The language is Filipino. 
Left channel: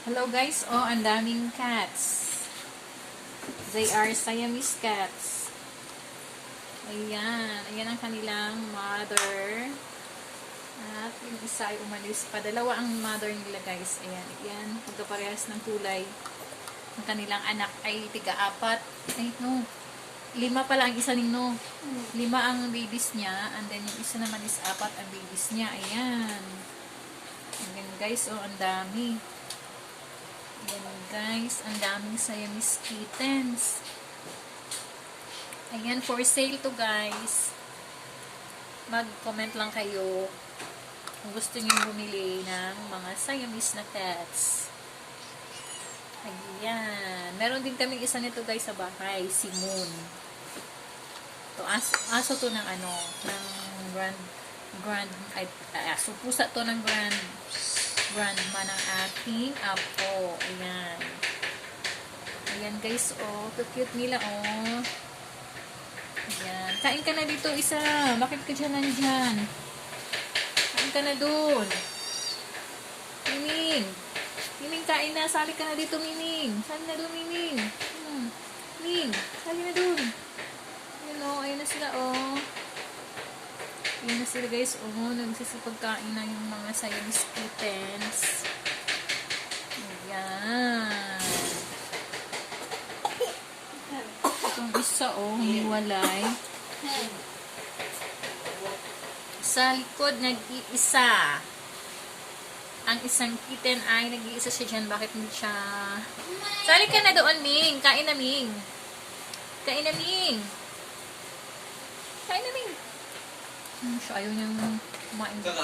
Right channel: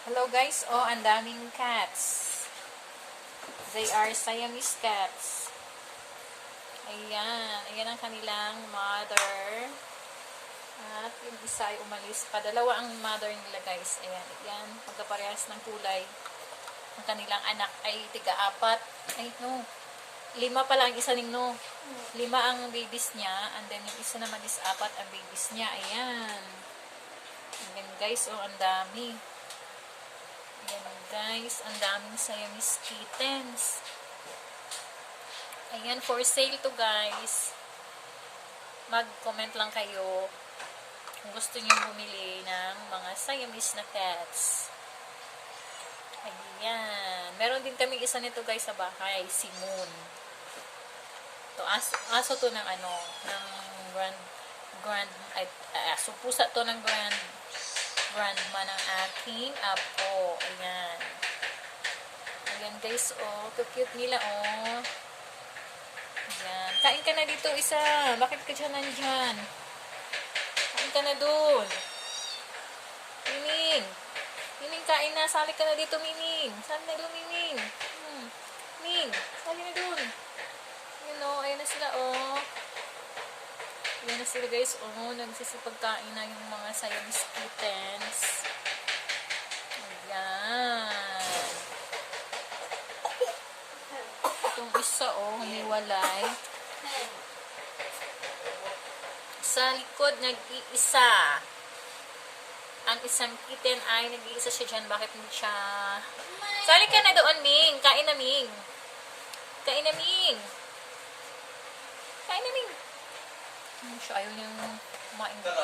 Hello guys, oh, ang daming cats. They are Siamese cats. Ayan, ayan ang kanilang mother. At yung isa ay umalis pa. Dalawa ang mother nila guys. Ayan, ayan, magkaparehas ng kulay. Ang kanilang anak ay tiga-apat. Ay, no. Lima pala ang isa ning no. Lima ang babies niya. And then yung isa naman is apat ang babies niya. Ayan. Ayan guys, oh, ang dami. Ayan guys, ang daming Siamese kittens. Ayan, for sale to guys. Mag-comment lang kayo kung gusto niyo bumili ng mga Siamese na cats. Ayan. Meron din kami isa nito guys sa bahay, si Moon. To aso, aso to ng ano, ng grand grand ay, aso pusa to ng grand grandma ng aking apo. Ayan. Ayan guys, oh. Cute nila, oh. Ayan. Kain ka na dito, isa. Bakit ka dyan nandyan? Kain ka na dun. Mining. Mining, kain na. Sali ka na dito, Mining. Sali na dun, Mining. Hmm. Mining, sali na dun. Ayan, oh. Ayan na sila, oh. Ayan na sila, guys. Oh, nagsisipagkain na yung mga Siamese kittens. Ayan. Itong isa, oh, humiwalay. Sa likod, nag-iisa. Ang isang kitten ay nag-iisa siya dyan. Bakit hindi siya... Sali ka na doon, Ming. Kain na, Ming. Kain na, Ming. Kain na, Ming. Hmm, siya ayaw niyang kumain dito.